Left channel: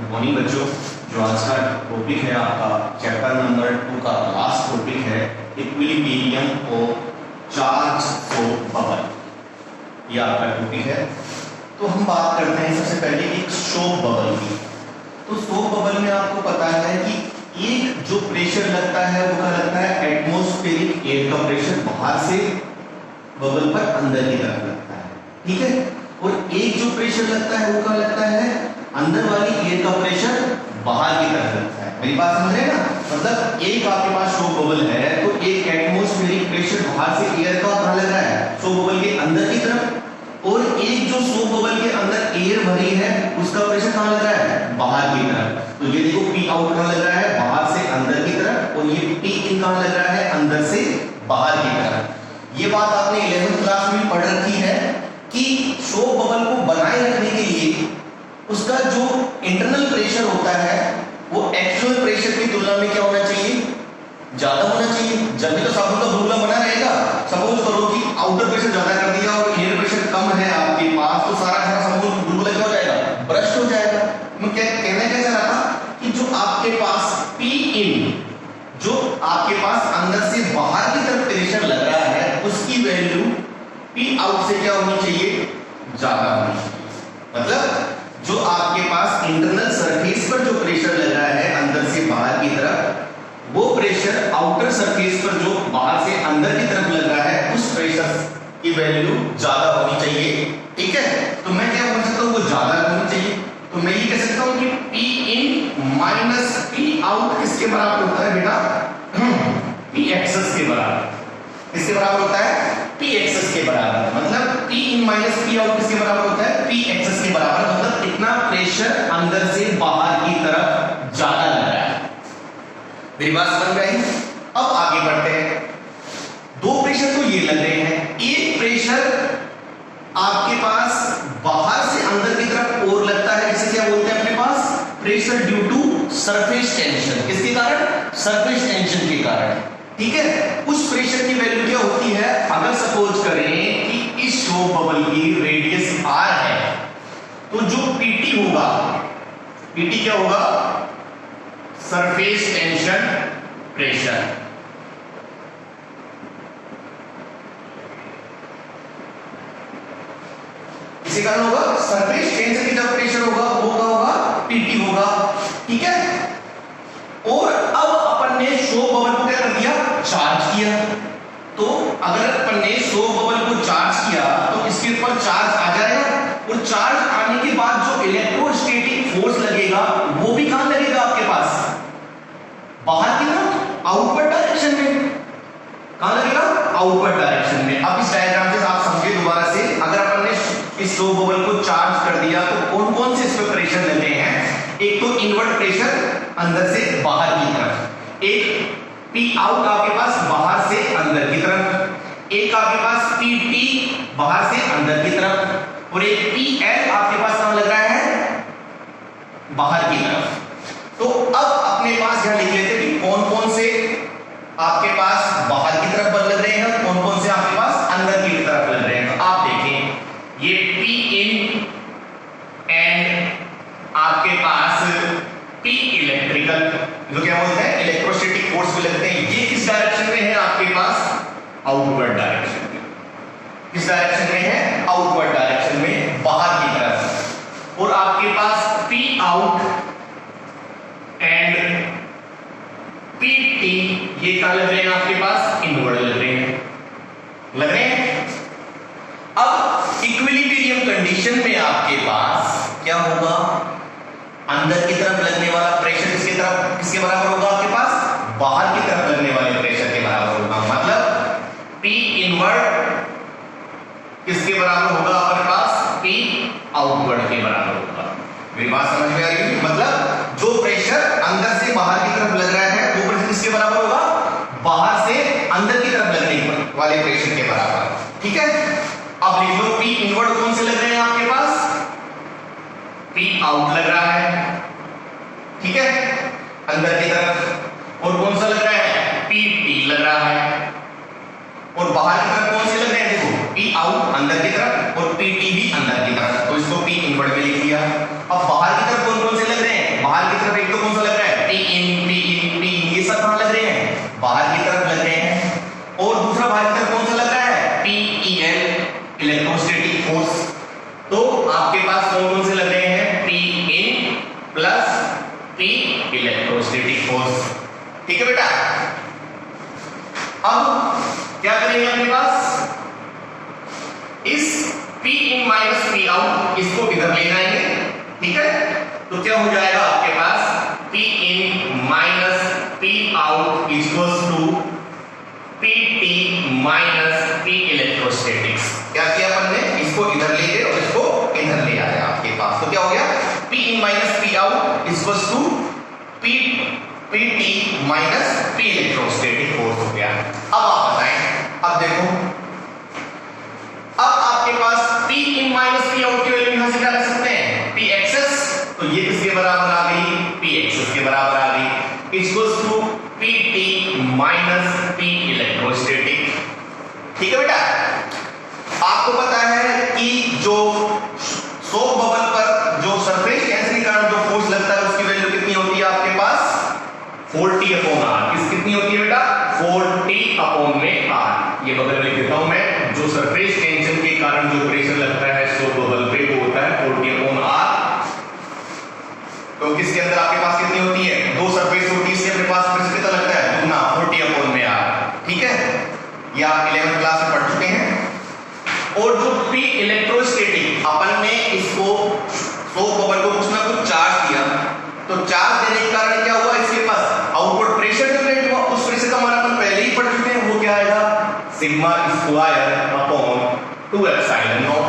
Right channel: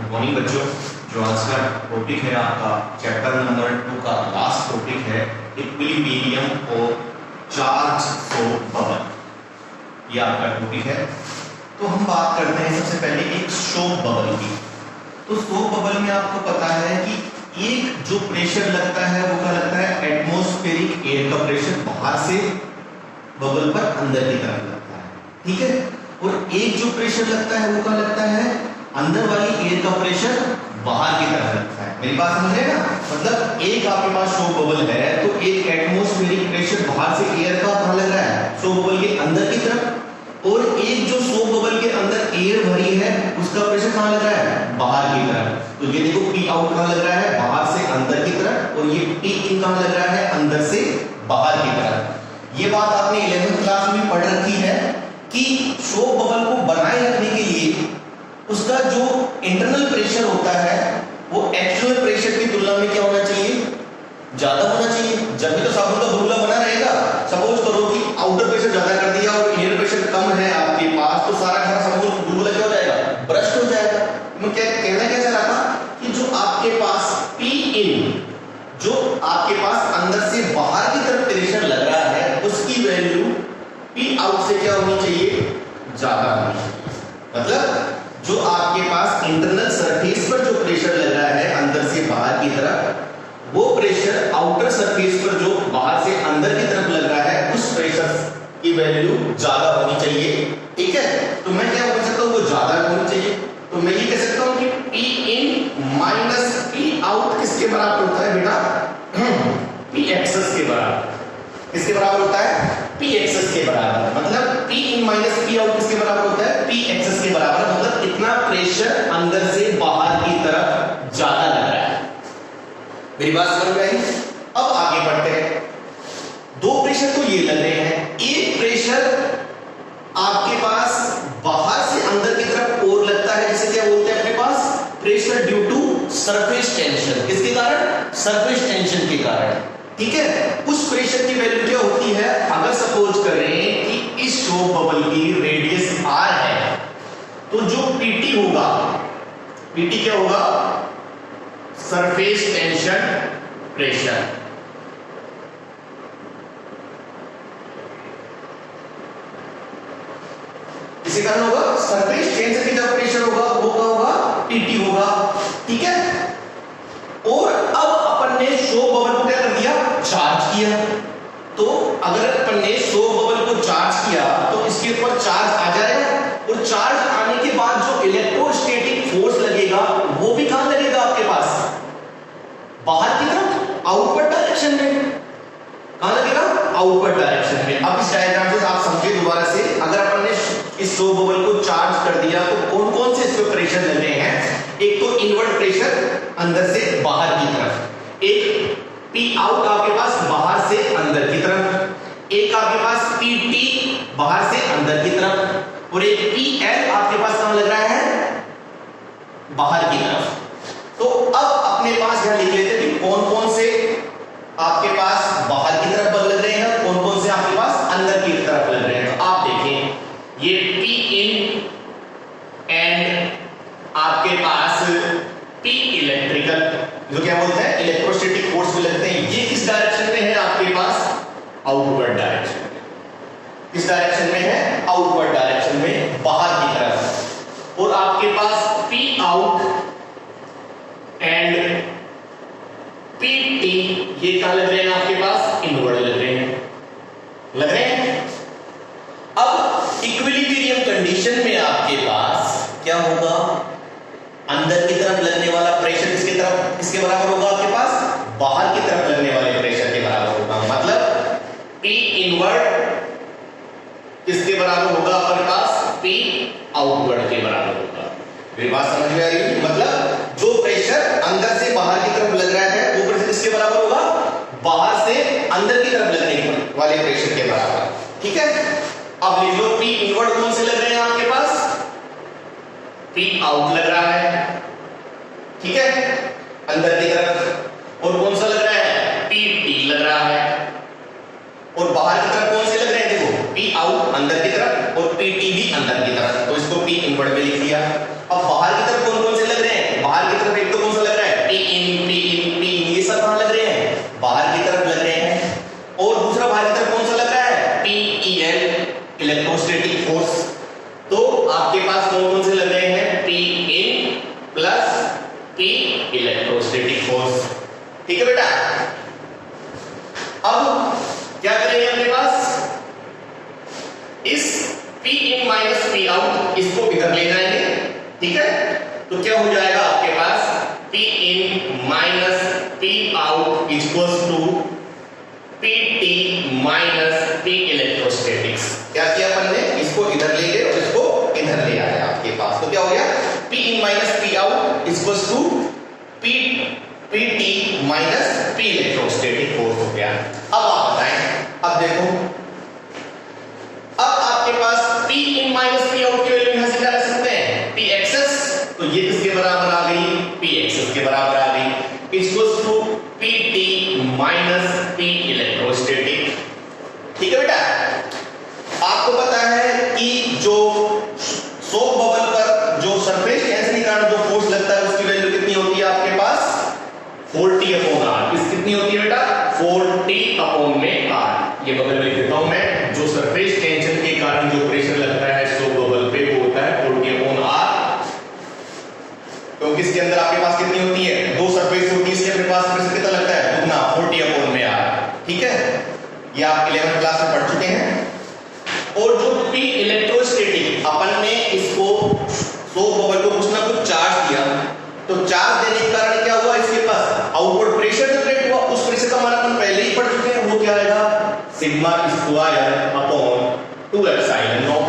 Good morning बच्चों। जो आज का टॉपिक है आपका चैप्टर नंबर 2 का लास्ट टॉपिक है equilibrium of charge flow bubble. ये आपका टॉपिक है। तो हम बात करते हैं सबसे पहले एक शॉक बबल की। तो शॉक बबल में आपको पता है कि एक जो प्रेशर लगता है वो क्या लगता है, एटमॉस्फेरिक एयर का प्रेशर बाहर से बबल पर अंदर की तरफ लगता है, ठीक है। और एक जो प्रेशर लगता है वो क्या लगता है, अंदर वाली एयर का प्रेशर बाहर की तरफ लगता है। मेरी बात समझ रहे हैं ना। मतलब एक आपके पास शॉक बबल है तो एक एटमॉस्फेरिक प्रेशर बाहर से एयर का कहां लग रहा है, शॉक बबल के अंदर की तरफ। और एक जो शॉक बबल के अंदर एयर भरी है उसका प्रेशर कहां लग रहा है, बाहर की तरफ। तो ये देखो पी आउट कहां लग रहा है, बाहर से अंदर की तरफ, और ये पी इन कहां लग रहा है, अंदर से बाहर की तरफ। ये बात आपने 11वीं क्लास में पढ़ रखी है कि शॉक बबल को बनाए रखने के लिए उसका जो इंटरनल प्रेशर होता है वो एक्सटर्नल प्रेशर की तुलना में क्या होना चाहिए, ज्यादा होना चाहिए। जब भी तो साबुन का बुलबुला बना रहेगा। सपोज करो कि आउटर प्रेशर ज्यादा कर दिया और इनर प्रेशर कम है आपके पास, तो सारा साबुन बुलबुला क्या हो जाएगा, ब्रस्ट हो जाएगा। मैं क्या कहना क्या चाह रहा था कि जो आपके पास पी इन, जो आपके पास अंदर से बाहर की तरफ प्रेशर लग रहा है उसकी वैल्यू पी आउट से क्या होनी चाहिए, ज्यादा होनी चाहिए। मतलब जो आपके पास इंटरनल सरफेस पर जो प्रेशर लग रहा है अंदर से बाहर की तरफ, वो प्रेशर आउटर सरफेस पर जो बाहर से अंदर की तरफ लग रहा है उस प्रेशर की वैल्यू ज्यादा होनी चाहिए, ठीक है। तो मैं क्या बोल सकता हूं, वो ज्यादा होनी चाहिए। तो मैं ये कह सकता हूं कि P in minus P out किसके बराबर होता है बेटा, पी एक्सेस के बराबर। किसके बराबर होता है, पी एक्सेस के बराबर। मतलब P in minus P out किसके बराबर होता है, पी एक्सेस के बराबर। मतलब इतना प्रेशर अंदर से बाहर की तरफ ज्यादा लग रहा है। मेरी बात समझ में आई। अब आगे बढ़ते हैं। दो प्रेशर तो ये लग रहे हैं, एक प्रेशर आपके पास बाहर से अंदर की तरफ और लगता है, इसे क्या बोलते हैं अपने पास, pressure due to surface tension. किसके कारण, सरफेस टेंशन के कारण, ठीक है। उस प्रेशर की वैल्यू क्या होती है, अगर सपोज करें कि इस शॉक बबल की रेडियस आर है तो जो पीटी होगा, पीटी क्या होगा, सरफेस टेंशन प्रेशर। किसी कारण होगा, सरफेस टेंशन की तरफ प्रेशर होगा, वो क्या होगा, पीटी होगा, ठीक है। और अब अपन ने शॉक बबल को क्या कर दिया, चार्ज किया। तो अगर अपन ने शॉक बबल को चार्ज किया तो इसके ऊपर चार्ज आ जाएगा, और चार्ज आने के बाद जो इलेक्ट्रोस्टैटिक फोर्स लगेगा वो भी कहां लगेगा आपके पास, बाहर की तरफ, आउटवर्ड डायरेक्शन में। कहां लगेगा, आउटवर्ड डायरेक्शन में। अब इस डायग्राम से आप समझिए दोबारा से। अगर अपन ने इस शॉक बबल को चार्ज कर दिया तो कौन कौन से इसमें प्रेशर लग रहे हैं। एक तो इनवर्ट प्रेशर अंदर से बाहर की तरफ, एक पी आउट आपके पास बाहर से अंदर की तरफ, एक आपके पास पी टी बाहर से अंदर की तरफ, और एक पी एल आपके पास कहां लग रहा है, बाहर की तरफ। तो अब अपने पास यहां लिख लेते हैं कि कौन कौन से आपके पास बाहर की तरफ बल लग रहे हैं, कौन कौन से आपके पास अंदर की तरफ लग रहे हैं। तो आप देखें ये पी इन एंड आपके पास पी इलेक्ट्रिकल, जो क्या बोलते हैं, इलेक्ट्रोस्टैटिक फोर्स भी लगते हैं। ये किस डायरेक्शन में है आपके पास, आउटवर्ड डायरेक्शन में। किस डायरेक्शन में है, आउटवर्ड डायरेक्शन में, बाहर की तरफ। और आपके पास P out and P T ये क्या लग रहे हैं आपके पास, इनवर्ड लग रहे हैं, लग रहे हैं। अब इक्विलिब्रियम कंडीशन में आपके पास क्या होगा, अंदर की तरफ लगने वाला प्रेशर किसकी तरफ, किसके बराबर होगा आपके पास, बाहर की तरफ लगने वाले प्रेशर के बराबर होगा। मतलब पी इनवर्ड किसके बराबर होगा आपके पास, पी आउटवर्ड के बराबर होगा। मेरी बात समझ में आ रही है। मतलब जो प्रेशर अंदर से बाहर की तरफ लग रहा है वो प्रेशर किसके बराबर होगा, बाहर से अंदर की तरफ लगने वाले प्रेशर के बराबर, ठीक है। अब लिख लो पी इनवर्ड कौन से लग रहे हैं आपके पास, पी आउट लग रहा है, ठीक है, अंदर की तरफ। और कौन सा लग रहा है, पी टी लग रहा है। और बाहर की तरफ कौन से लग रहे हैं, देखो पी आउट अंदर की तरफ और पी टी भी अंदर की तरफ, तो इसको पी इनवर्ड में लिख दिया। अब बाहर की तरफ कौन कौन से लग रहे हैं, कौन सा लग रहा है? P in ये सब कहां लग रहे हैं? बाहर की तरफ लग रहे हैं। और दूसरा बाहर की तरफ कौन सा लग रहा है? PEL electrostatic force. तो आपके पास कौन से लग रहे हैं? P in plus P electrostatic force. ठीक है बेटा। अब क्या करेंगे अपने पास? इस P in minus P out इसको इधर ले जाएंगे। ठीक है, तो क्या हो जाएगा आपके पास? P in minus P out equals to PT minus P electrostatics. क्या किया अपन ने? इसको इधर ले गए और इसको इधर ले आया आपके पास। तो क्या हो गया? P in minus P out equals to PT minus P electrostatic force हो गया। अब आप बताएं, अब देखो, अब आपके पास P in minus P out की वैल्यू यहां से क्या कर सकते हैं? P एक्सेस, तो ये किसके बराबर आ गई? P एक्सेस के बराबर आ गई, equals to PT minus P electrostatic. ठीक है बेटा। आपको पता है कि जो सोप बबल पर जो सरफेस टेंशन के कारण जो फोर्स लगता है उसकी वैल्यू कितनी होती है आपके पास? 40 अपॉन आर। कितनी होती है बेटा? 40 अपॉन में आर। ये बबल में लिख देता हूं मैं। जो सरफेस टेंशन के कारण जो प्रेशर लगता है सोप बबल पे वो होता है 40 अपॉन आर। तो किसके अंदर आपके पास कितनी होती है? दो सरफेस होती है, इसके अपने पास प्रेशर कितना लगता है? दुगना, 40 अपॉन में आर। ठीक है, ये आप 11th क्लास में पढ़ चुके हैं। और जो P इलेक्ट्रोस्टैटिक, अपन ने इसको सोप बबल को कुछ ना कुछ चार्ज दिया, तो चार्ज देने के कारण क्या हुआ? इसके पास आउटवर्ड प्रेशर जनरेट हुआ। उस प्रेशर का मान अपन पहले ही पढ़ चुके हैं, वो क्या आएगा? Sigma square upon 2 epsilon not.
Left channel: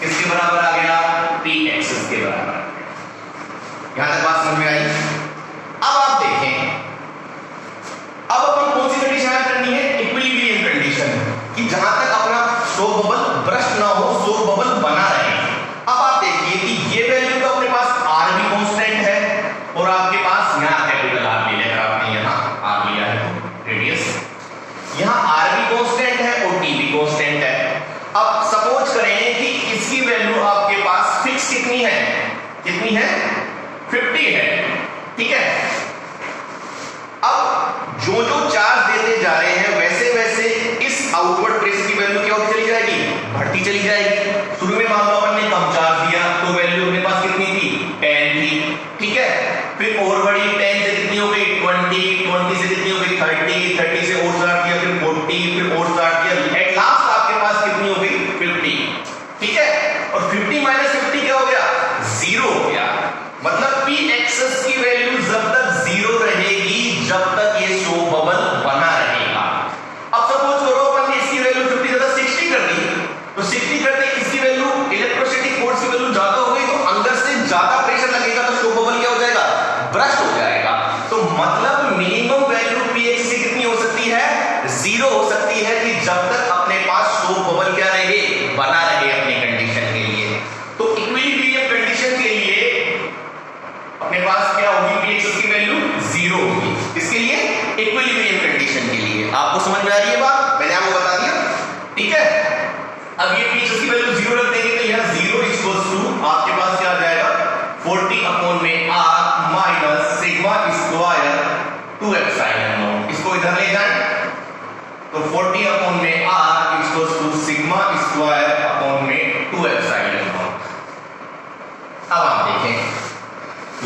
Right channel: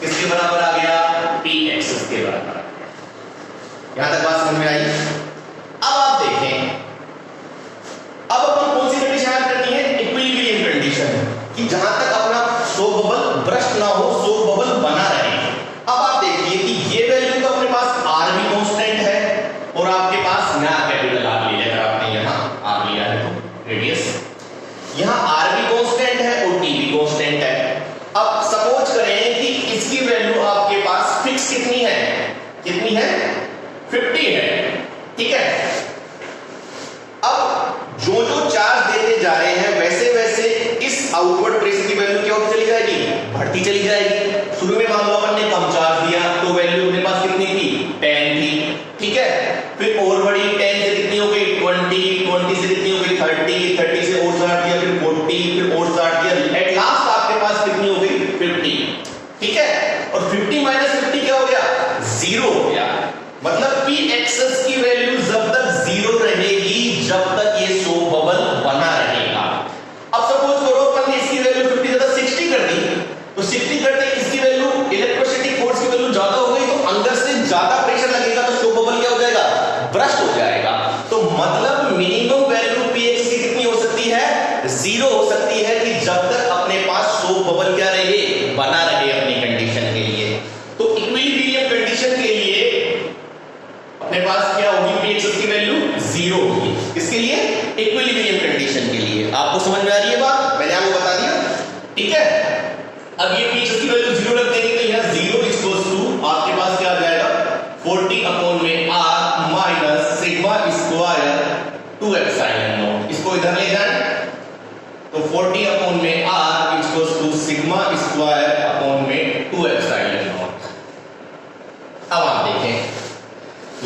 किसके बराबर आ गया? P एक्सेस के बराबर। यहां तक बात समझ में आई? अब आप देखें, अब अपनी कौन सी कंडीशन याद करनी है? इक्विलिब्रियम कंडीशन, कि जहां तक अपना सोप बबल ब्रस्ट ना हो, सोप बबल बना रहे। अब आप देखिए कि ये वैल्यू तो अपने पास आर भी कांस्टेंट है, और आपके पास यहां कैपिटल आर ले लेकर आपने यहां आर लिया है तो रेडियस, यहां आर भी कांस्टेंट है और टी भी कांस्टेंट है। अब सपोज करें कि इसकी वैल्यू आपके पास फिक्स कितनी है? कितनी है? 50 है। ठीक है, अब जो जो चार्ज देते जा रहे हैं वैसे वैसे इस आउटवर्ड प्रेशर की वैल्यू क्या होती चली जाएगी? बढ़ती चली जाएगी। शुरू में मान लो अपन ने कम चार्ज दिया तो वैल्यू अपने पास कितनी थी? 10 थी। ठीक है, फिर और बड़ी 10 से कितनी हो गई? 20, 20 से कितनी हो गई? 30, 30 से और स्टार्ट किया, फिर 40, फिर और स्टार्ट किया, एट लास्ट आपके पास कितनी हो गई? 50। ठीक है, और 50 माइनस 50 क्या हो गया? 0 हो गया। मतलब P एक्सेस की वैल्यू जब तक 0 रहेगी जब तक ये सोप बबल बना रहेगा। अब सपोज करो अपन ने इसकी वैल्यू 50 ज्यादा 60 कर दी, तो 60 करते इसकी वैल्यू इलेक्ट्रोस्टैटिक फोर्स की वैल्यू ज्यादा हो गई, तो अंदर से ज्यादा प्रेशर लगेगा, तो सोप बबल क्या हो जाएगा? ब्रस्ट हो जाएगा। तो मतलब मिनिमम वैल्यू P एक्सेस की कितनी हो सकती है? 0 हो सकती है, कि जब तक अपने पास सोप बबल क्या रहे? बना रहे अपनी कंडीशन के लिए। तो इक्विलिब्रियम कंडीशन के लिए अपने पास क्या होगी? P एक्सेस की वैल्यू 0 होगी। इसके लिए इक्विलिब्रियम कंडीशन के लिए। आपको समझ में आ रही है बात? मैंने आपको बता दिया। ठीक है, अब ये P एक्सेस की वैल्यू 0 रख देंगे, तो यहां 0 इक्वल्स टू आपके पास क्या आ जाएगा? 40 अपॉन में r minus sigma square 2 epsilon naught. इसको इधर ले जाएं तो 40 अपॉन में r equals to sigma square upon में 2 एप्सिलॉन नॉट। अब आप देखें,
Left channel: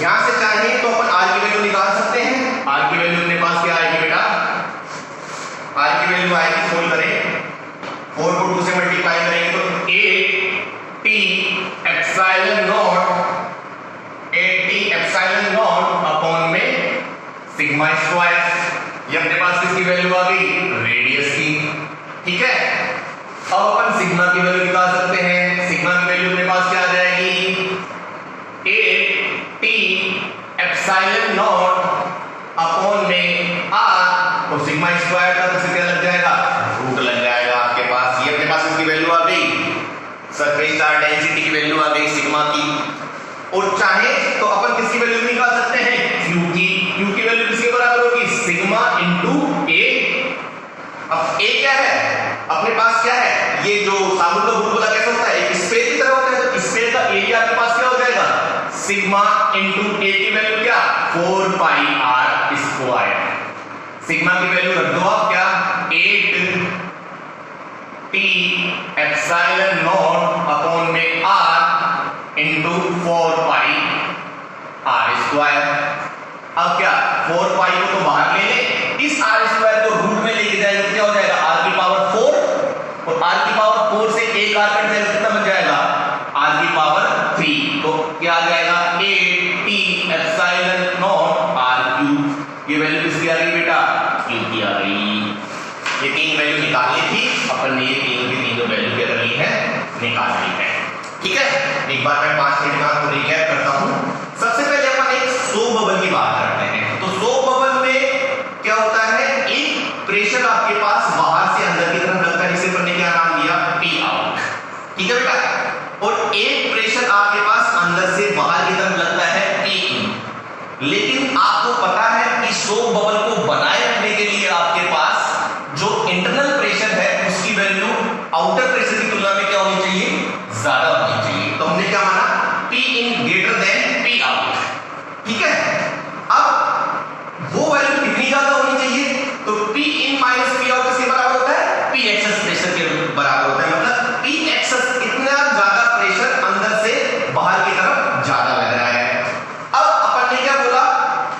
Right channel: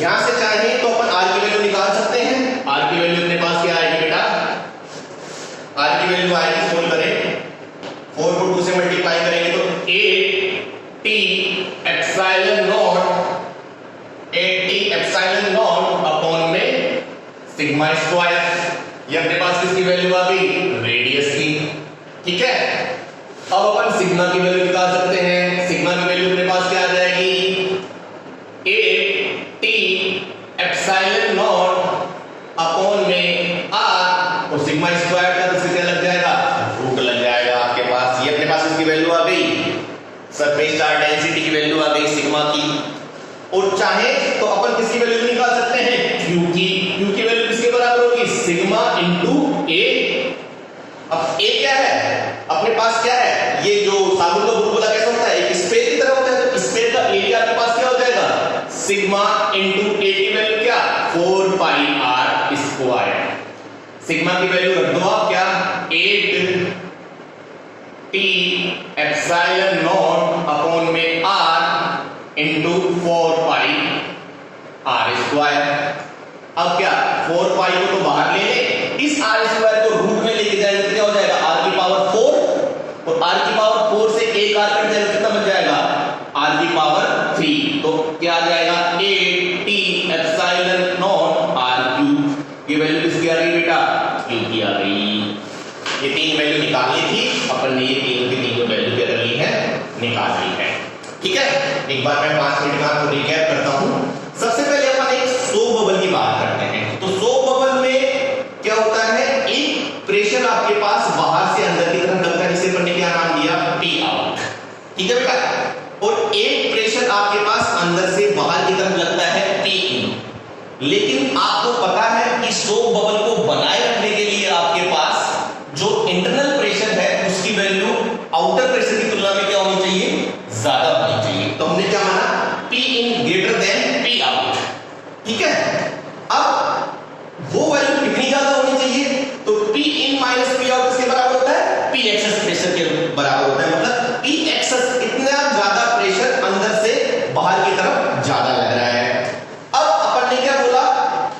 यहां से चाहे तो अपन r की वैल्यू निकाल सकते हैं। r की वैल्यू अपने पास क्या आएगी बेटा? r की वैल्यू आएगी, सोल्व करें, 4 को 2 से मल्टीप्लाई करेंगे तो 8t epsilon not, 8t epsilon naught upon में सिग्मा स्क्वायर। ये अपने पास किसकी वैल्यू आ गई? रेडियस की। ठीक है, अब अपन सिग्मा की वैल्यू निकाल सकते हैं। सिग्मा की वैल्यू अपने पास क्या आ जाएगी? 8t एप्सिलॉन नॉट अपॉन में r, और सिग्मा स्क्वायर का तो क्या लग जाएगा? रूट लग जाएगा आपके पास। ये अपने पास इसकी वैल्यू आ गई, सरफेस चार्ज डेंसिटी की वैल्यू आ गई सिग्मा की। और चाहे तो अपन किसकी वैल्यू निकाल सकते हैं? Q की। Q की वैल्यू किसके बराबर होगी? Sigma into A। अब A क्या है? अपने पास क्या है? ये जो साबुन का बुलबुला कैसा होता है? एक स्फेयर की तरह होता है, तो स्फेयर का एरिया आपके पास क्या हो जाएगा? सिग्मा इंटू A की वैल्यू क्या? 4 पाई आर स्क्वायर। सिग्मा की वैल्यू रख दो आप, क्या 8 टी एप्सिलॉन नॉट अपॉन में R into 4 pi R square. अब क्या 4 पाई को तो बाहर ले ले, इस आर स्क्वायर को रूट में लेके जाएगा तो क्या हो जाएगा आर की पावर 4, और आर की पावर 4 से एक आर कट जाएगा, कितना बन जाएगा आर की पावर 3। तो क्या आ जाएगा 8 T epsilon naught R cube. ये वैल्यू किसकी आ गई बेटा, क्यू की आ गई। ये तीन वैल्यू निकालनी थी, अपन ने ये तीनों की तीनों वैल्यू क्या कर ली है, निकाल ली है। ठीक है, एक बार मैं 5 मिनट में आपको रिकैप करता हूं। सबसे पहले अपन एक सोप बबल की बात करते हैं। तो सोप बबल में क्या होता है, एक प्रेशर आपके पास बाहर से अंदर की तरफ लगता है, जिसे अपन ने क्या नाम दिया, पी आउट। ठीक है बेटा, और एक प्रेशर आपके पास अंदर से बाहर की तरफ लगता है, पी इन। लेकिन आपको पता है कि सोप बबल को बनाए रखने के लिए आपके पास जो इंटरनल प्रेशर है उसकी वैल्यू आउटर प्रेशर की तुलना में क्या होनी चाहिए, ज्यादा होनी चाहिए। तो हमने क्या माना, P in greater than P out. ठीक है, अब वो वैल्यू कितनी ज्यादा होनी चाहिए, तो P in minus P out किसके बराबर होता है, P एक्सेस प्रेशर के बराबर होता है। मतलब P एक्सेस इतना ज्यादा प्रेशर अंदर से बाहर की तरफ ज्यादा लग रहा है। अब अपन ने क्या बोला,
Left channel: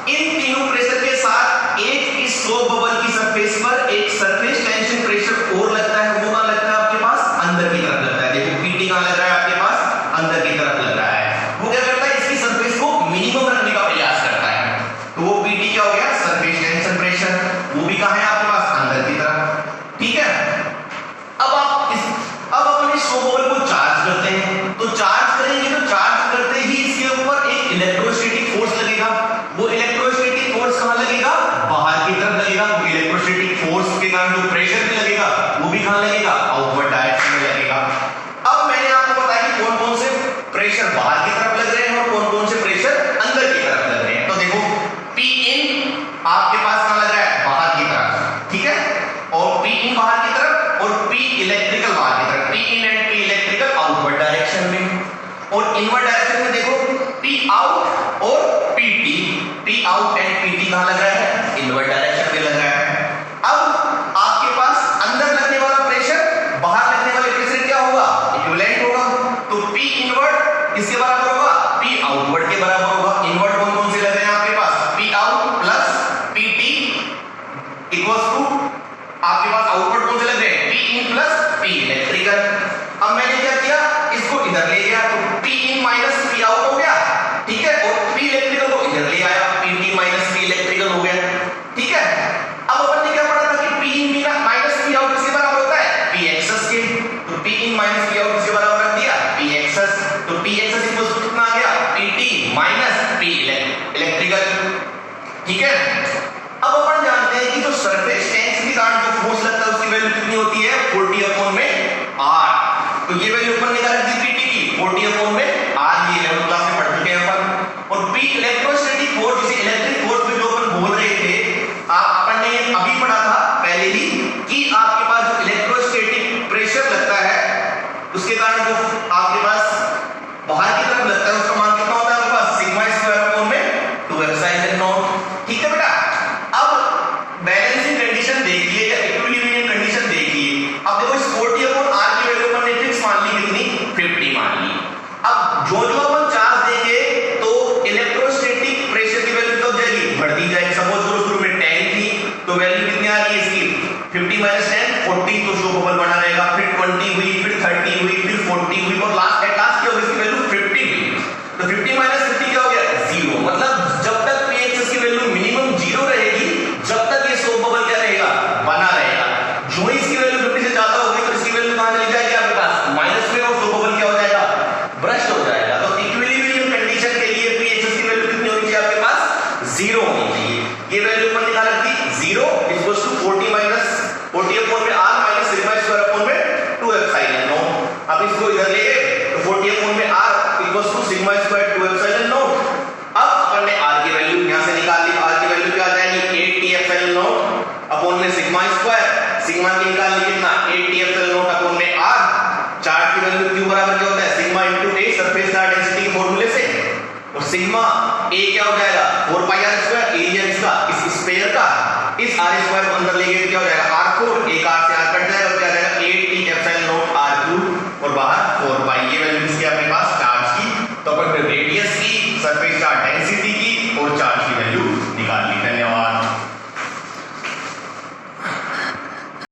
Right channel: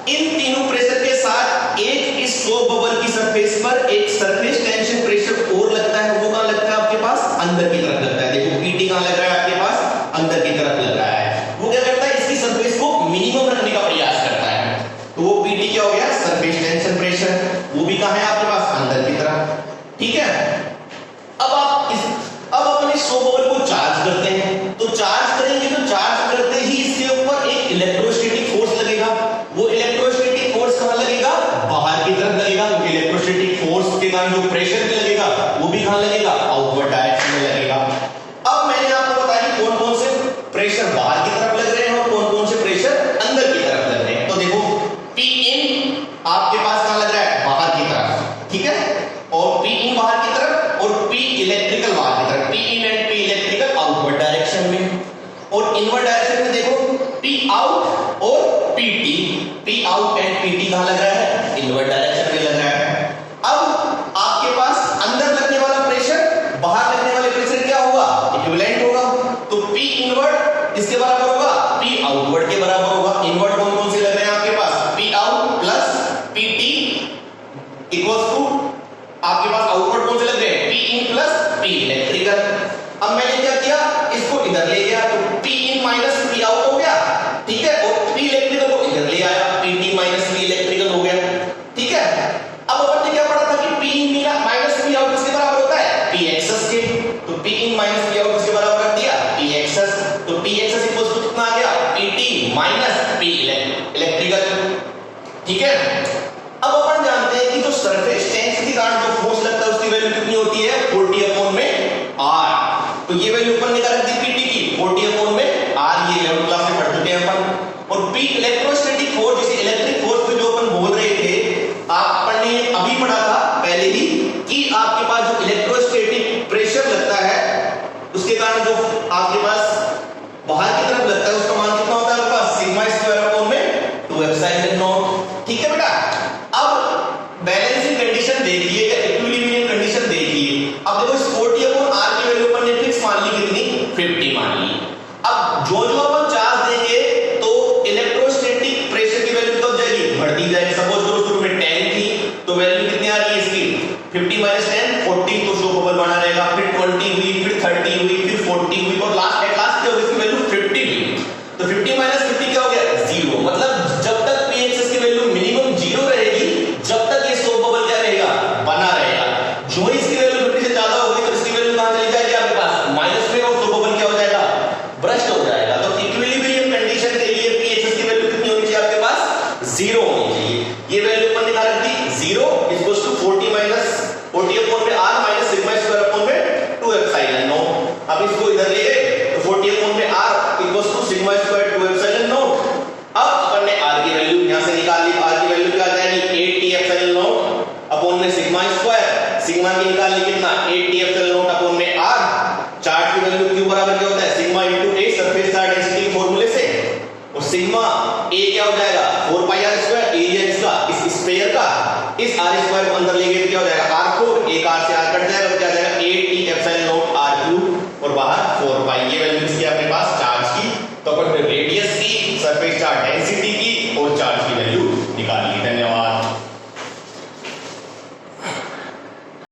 इन तीनों प्रेशर के साथ एक इस सोप बबल की सरफेस पर एक सरफेस टेंशन प्रेशर और लगता है। वो कहां लगता है आपके पास, अंदर की तरफ लगता है। देखो पीटी कहां लग रहा है आपके पास, अंदर की तरफ लग रहा है। वो क्या करता है, इसकी सरफेस को मिनिमम रखने का प्रयास करता है। तो वो पीटी क्या हो गया, सरफेस टेंशन प्रेशर। वो भी कहां है आपके पास, अंदर की तरफ। ठीक है, अब अपन इस सोप बबल को चार्ज करते हैं। तो चार्ज करेंगे, तो चार्ज करते ही इसके ऊपर एक इलेक्ट्रोस्टैटिक फोर्स लगेगा। वो इलेक्ट्रोस्टैटिक फोर्स कहां लगेगा, बाहर की तरफ लगेगा। इलेक्ट्रोस्टैटिक फोर्स के कारण जो प्रेशर भी लगेगा वो भी कहां लगेगा, आउटवर्ड डायरेक्शन में लगेगा। अब मैंने आपको बताया कि कौन कौन से प्रेशर बाहर की तरफ लग रहे हैं और कौन कौन से प्रेशर अंदर की तरफ लग रहे हैं। तो देखो P in आपके पास कहां लग रहा है, बाहर की तरफ। ठीक है, और P in बाहर की तरफ और P इलेक्ट्रिकल बाहर की तरफ। P in and P electrical outward direction में, और इनवर्ड डायरेक्शन में देखो P आउट और PT। P out and PT कहां लग रहा है, इनवर्ड डायरेक्शन में लग रहा है। अब आपके पास अंदर लगने वाला प्रेशर बाहर लगने वाले प्रेशर क्या होगा, इक्विवेलेंट होगा। तो P इनवर्ड किसके बराबर होगा, P आउटवर्ड के बराबर होगा। इनवर्ड कौन कौन से लग रहे हैं आपके पास, P out plus PT equals to आपके पास आउटवर्ड कौन से लग रहे हैं, P in plus P electrical. अब मैंने क्या किया, इसको इधर ले गया, तो P इन माइनस P आउट हो गया। ठीक है, और P इलेक्ट्रिकल को इधर ले आया, PT माइनस P इलेक्ट्रिकल हो गया। ठीक है, अब अपन ने क्या पढ़ा था कि P इन माइनस P आउट किसके बराबर होता है, P एक्सेस के। तो P इन माइनस P आउट किसके बराबर रख दिया, P एक्सेस। तो P एक्सेस इक्वल्स टू कितना आ गया, PT माइनस P इलेक्ट्रिकल। ठीक है, अब अपन जानते हैं कि जो सरफेस टेंशन के कारण जो फोर्स लगता है उसकी वैल्यू कितनी होती है, 40 अपॉन में R। तो ये वैल्यू अपन निकाल दी PT की, 40 अपॉन में R। ये 11th क्लास में पढ़ चुके हैं अपन। और P इलेक्ट्रोस्टैटिक फोर्स, जिसे इलेक्ट्रिक फोर्स में जो अपन बोल रहे थे, अपन ने अभी पढ़ा था पहले ही कि आपके पास जो इलेक्ट्रोस्टैटिक प्रेशर लगता है उसके कारण जो आपके पास बाहर की तरफ लगता है उसका मान कितना होता है आपके पास, सिग्मा स्क्वायर अपॉन में 2 एप्सिलॉन नॉट। ठीक है बेटा, अब बैलेंसिंग कंडीशन देखिए या इक्विलिब्रियम कंडीशन देखिए। अब देखो इस 40 अपॉन R की वैल्यू अपन ने फिक्स मान ली, कितनी, 50 मान ली। अब जो जो अपन चार्ज देंगे तो इलेक्ट्रोस्टैटिक प्रेशर की वैल्यू कब जाएगी, बढ़ती जाएगी। सपोज करो शुरू में 10 थी, तो वैल्यू कितनी आ रही है इसकी, 50 माइनस 10 40, तो सोप बबल बना रहेगा। फिर 20 हुई, फिर 30 हुई, फिर 40 हुई, और लास्ट क्या होगी, इसकी वैल्यू 50 हुई। तो 50 माइनस 50 क्या हो गया, 0। मतलब जब तक P एक्सेस की वैल्यू मिनिमम 0 रहेगी, जब तक ये सोप बबल क्या रहेगा, बना रहेगा। जो ही इसकी वैल्यू 50 से ज्यादा होगी तो इसकी वैल्यू कहां चली जाएगी आपके पास, माइनस में, और सोप बबल क्या हो जाएगा, ब्रस्ट हो जाएगा। तो इक्विलिब्रियम कंडीशन के लिए P एक्सेस की वैल्यू कितनी होनी चाहिए आपके पास, 0 होनी चाहिए। ये वैल्यू अपन निकाल रखी 0 इक्वल्स टू 40 माइनस 40 अपॉन में R minus sigma square upon में 2 एप्सिलॉन नॉट। अब इसको इधर ले गए तो 40 अपॉन में R equals to sigma square 2 epsilon naught. अब अपन ने R की वैल्यू यहां से निकाल ली। R की वैल्यू क्या आ जाएगी, 8t एप्सिलॉन नॉट अपॉन में सिग्मा स्क्वायर। सिग्मा की निकालनी कितना, 8t एप्सिलॉन नॉट अपॉन में R। चार्ज की वैल्यू क्यू बराबर क्या होता है, sigma into A surface charge density के फार्मूले से। और सिग्मा A क्या हो जाएगा, 4 पाई आर स्क्वायर, एरिया इसका इस स्फीयर का, इस आर स्क्वायर को अंदर लेंगे क्या हो जाएगा r4, एक r से r कट जाएगा, क्या आ जाएगा 8t epsilon not r cube और बाहर 4 पाई। ये वैल्यू किसकी अपने पास चार्ज की, तो अपन रेडियस की, सरफेस चार्ज डेंसिटी की और चार्ज की वैल्यू निकाल ली। धन्यवाद।